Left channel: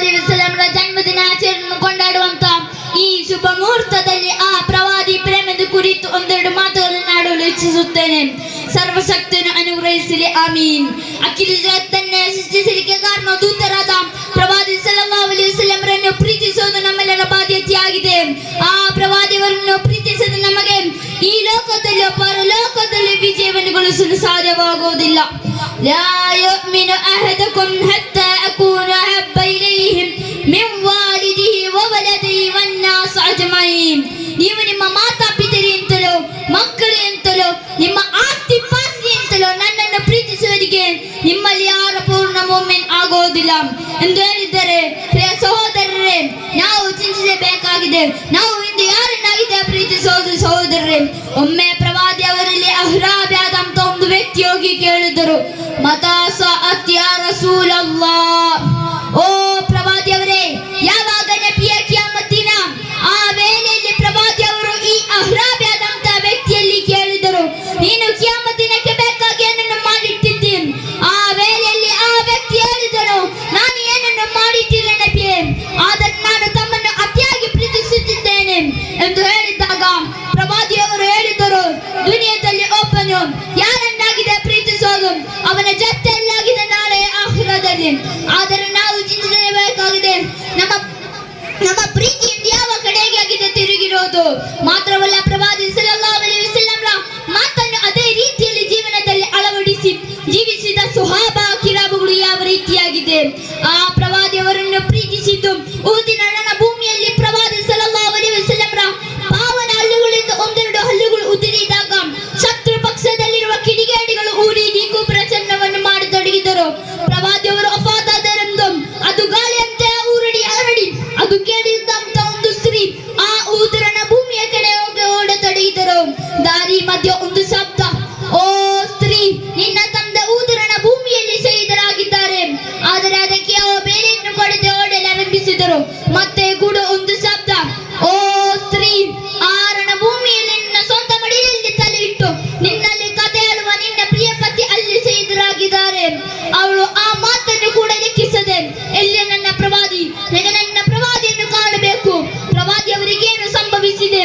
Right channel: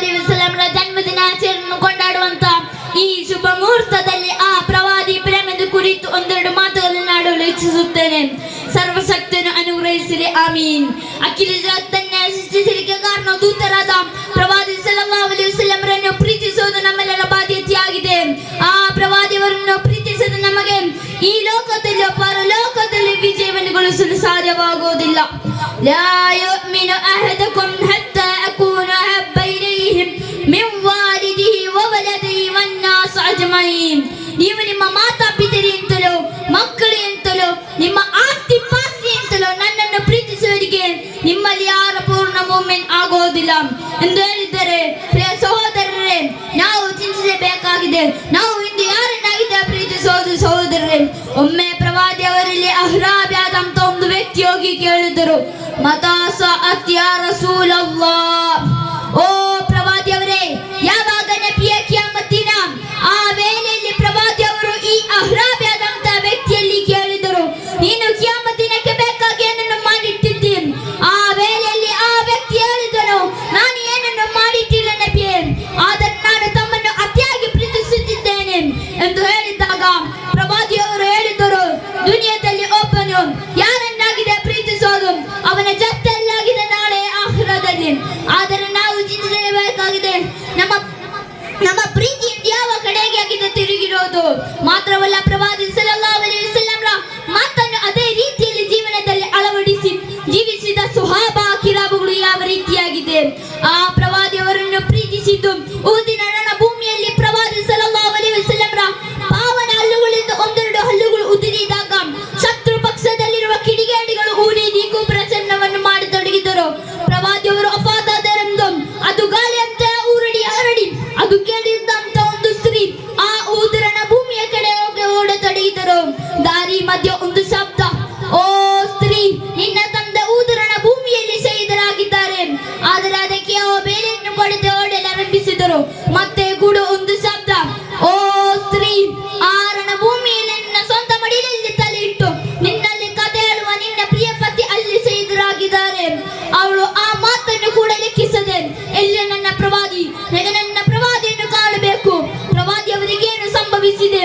ಅಲೈಹಿ ವಸಲ್ಲಂರ ಜನ್ಮದಿನಾಚರಣೆಯನ್ನು ಕೊಂಡಾಡುವಂತ ಈ ಶುಭ ಮುಹೂರ್ತದಲ್ಲಿ ಆ ಪ್ರವಾದಿ ಪ್ರೇಮದ ಕುರಿತು ಒಂದೆರಡು ಮಾತುಗಳನ್ನು ಆಡಲು ಇಚ್ಛಿಸುತ್ತೇನೆ. ಸರ್ವಶಕ್ತನು ಅನುಗ್ರಹಿಸಲಿ, ಆಮೀನ್. ಅಖಿಲ ಜಗತ್ತನ್ನ ಸೃಷ್ಟಿಸಲಿಕ್ಕೆ ಕಾರಣ ದೂತರಾದ ಪ್ರವಾದಿ ಸಲ್ಲಲ್ಲಾಹು ಅಲೈಹಿ ವಸಲ್ಲಂರನ್ನು ಪ್ರೀತಿಸುವುದು ನಮ್ಮೆಲ್ಲರ ಬಾಧ್ಯತೆಯಾಗಿದೆ. ಆ ಪ್ರವಾದಿಯವರನ್ನು ಪ್ರೀತಿಸದ ನಮಗೆ ಈ ಲೋಕದಲ್ಲಿ ಪರಲೋಕದಲ್ಲಿ ವಿಜಯವನ್ನು ಗಳಿಸಲು ಸಾಧ್ಯವಾಗುವುದಿಲ್ಲ. ಲಾ ಯುಮಿನು ಅಹದುಕುಂ ಹತ್ತಾ ಅಕೂನ ಅಹಬ್ಬ ಇಲೈಹಿ ಮಿನ್ ವಾಲಿದಿಹಿ ವ ವಲದಿಹಿ ವನ್ನಾಸ್ ಅಜ್ಮഈನ್. ನೀವು ನಿಮ್ಮ ಮಾತಾಪಿತರಿಗಿಂತಲೂ ಮಕ್ಕಳಿಗಿಂತಲೂ ನಿಮ್ಮ ಆಸ್ತಿ ಪಾಸ್ತಿಗಿಂತಲೂ ನನ್ನನ್ನು ಪ್ರೀತಿಸುವವರಿಗೆ ನಿಮ್ಮಲ್ಲಿ ಯಾರು ಪೂರ್ಣ ಮುಮಿನ್ ಆಗುವುದಿಲ್ಲ ಎಂದು ಹೇಳಿದ್ದಾರೆ. ಪ್ರಿಯ ಸಹೋದರರೇ, ನಾವು ಚಿಂತಿಸಬೇಕಾಗಿದೆ, ನಾವು ಇಂದು ಯಾರನ್ನಾಗಿದೆ ಪ್ರೀತಿಸೋದು ಸಹೋದರರೇ. ಒಮ್ಮೆ ಪ್ರವಾದಿ ಅವರಲ್ಲಿ ಅಹ್ರಾಬ್ಯಾದಂತ ಒಂದು ವ್ಯಕ್ತಿ ಹೋಗಿ ಕೇಳಿದರು, ಮತಾಸ ಅತ್ಯ ರಸೂಲಲ್ಲಾಹ್, ಓ ಪ್ರವಾದಿ ಅವರೇ, ಯಾವಾಗ ನಬಿಯ ಕಿಯಾಮತ್ತಿನ ಆ ವೇಳೆಯಲ್ಲಿ ಪ್ರವಾದಿ ಅವರು ಈ ಅಹ್ರಾಬ್ಯಾದಂತ ವ್ಯಕ್ತಿಯಲ್ಲಿ ಕೇಳಿದರು, ನೀನು ಕಿಯಾಮತ್ತಿನಕ್ಕೆ ಬೇಕಾಗಿ ಏನನ್ನು ಮಾಡಿಟ್ಟಿದ್ದಿ? ಆ ವೇಳೆಯಲ್ಲಿ ಆ ವ್ಯಕ್ತಿ ಹೇಳಿದನು, ನಾನು ಏನನ್ನು ಮಾಡಿಟ್ಟಿಲ್ಲ ನಬಿಯೇ, ಆದರೆ ನಾನು ತಮ್ಮನ್ನು ಅತಿಯಾಗಿ ಪ್ರೀತಿಸುತ್ತಿದ್ದೇನೆ ಎಂದು ಹೇಳಿದಾಗ ಪ್ರವಾದಿ ಅವರು ಹೇಳಿದರು, ದುನಿಯಾದಲ್ಲಿ ಒಬ್ಬನು ಯಾರನ್ನಾಗಿದೆ ಪ್ರೀತಿಸೋದು ಅವನ ಜೊತೆಯಲ್ಲಾಗಿದೆ ನಾಳೆ ಆಖಿರದಲ್ಲಿ. ಆದರೆ ನಾವು ಚಿಂತಿಸಬೇಕಾಗಿದೆ, ನಮ್ಮ ಪ್ರೀತಿಯಿಂದ ಯಾವ ಕಡೆಗೆ ಆಗಿದೆ ತಿರುಗಿರೋದು. ಮಾತ್ರವಲ್ಲ, ಪ್ರವಾದಿ ಸಲ್ಲಲ್ಲಾಹು ಅಲೈಹಿ ವಸಲ್ಲಂರ ಮಾತನ್ನು ಅದೇ ರೀತಿಯಲ್ಲಿ ಜೀವನದಲ್ಲಿ ಅಳವಡಿಸಿ ಜೀವಿಸಿದ ಸುಹಾಬಾ ಕಿರಾಬುಗಳು ಯಾವ ರೀತಿಯಾಗಿದೆ. ಆ ಪ್ರವಾದಿಯವರನ್ನು ಪ್ರೀತಿಸಿದ್ದು ಊದಿನ ರಣಭೂಮಿಯಲ್ಲಿ ಪ್ರವಾದಿ ಸಲ್ಲಲ್ಲಾಹು ಅಲೈಹಿ ವಸಲ್ಲಂರ ಪಾವನ ಹಲ್ಲುಗಳಿಂದ ಒಂದೆರಡು ಹಲ್ಲುಗಳು ಉದುರಿದಾಗ ಶತ್ರು ಪಕ್ಷದಲ್ಲಿರುವ ಕಿಡಿಗೇಡಿಗಳು ಊರಿಗೂ ಪ್ರಚಂಡವನ್ನು ಮಾಡತೊಡಗಿದರು. ಪ್ರವಾದಿಯವರು ವಫಾತಾದರೆಂದು ಅದು ಗಾಳಿಯಂತೆ ಹರಡಿ ಅದು ಕೇಳಿದಂತ ಒಂದು ಸ್ತ್ರೀ ಆ ಊದಿನ ಭೂಮಿಯ ಕಡೆ ಹೋಗಿ ಓಡತೊಡಗಿದರು. ದಾರಿ ಮಧ್ಯ ಒಂದು ಶಬ್ದ, ಓ ಸ್ತ್ರೀ, ನಿನ್ನ ತಂದೆ ಊದಿನ ಭೂಮಿಯಲ್ಲಿ ಶಹೀದರಾಗಿದ್ದಾರೆ. ಆದರೆ ಅದಕ್ಕೆ ಬೇರೆಯನ್ನು ಕೊಡದೆ ಓಡಲಾರಂಭಿಸಿದರು. ಮತ್ತೆ ಕೂಡ ಒಂದು ಶಬ್ದ, ಓ ಸ್ತ್ರೀ, ಆ ರಣಭೂಮಿಯಲ್ಲಿ ನಿನ್ನ ಸ್ವಂತ ಮಡಿಲಲ್ಲಿ ತಲೆ ಇಟ್ಟು ನಿನ್ನಲ್ಲಿ ಕಥೆ ಹೇಳುವ ನಿನ್ನ ಪ್ರಿಯ ಪತಿ ಅಲ್ಲಿ ಶಹೀದರಾಗಿದ್ದಾರೆ. ಅವಳು ಆ ಮಾತನ್ನು ಕೂಡ ಲೆಕ್ಕಿಸದೆ, ಎಲ್ಲಿ ನನ್ನ ಪ್ರವಾದಿ, ನನ್ನ ಪ್ರವಾದಿಯನ್ನು ಕಾಣಬೇಕು, ಪ್ರವಾದಿ ಅವರಿಗೇನು ಸಂಭವಿಸಿದೆ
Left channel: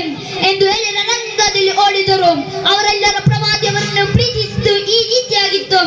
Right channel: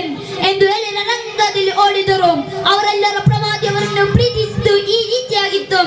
ಎಂದು ಹೇಳಿ ರಂಗದಲ್ಲಿ ಓಡಿದರು. ಅವರೆಲ್ಲರ ಪ್ರವಾದಿಯವರನ್ನು ಪ್ರೀತಿಸಿದ್ದು ಈ ರೀತಿಯಾಗಿತ್ತು.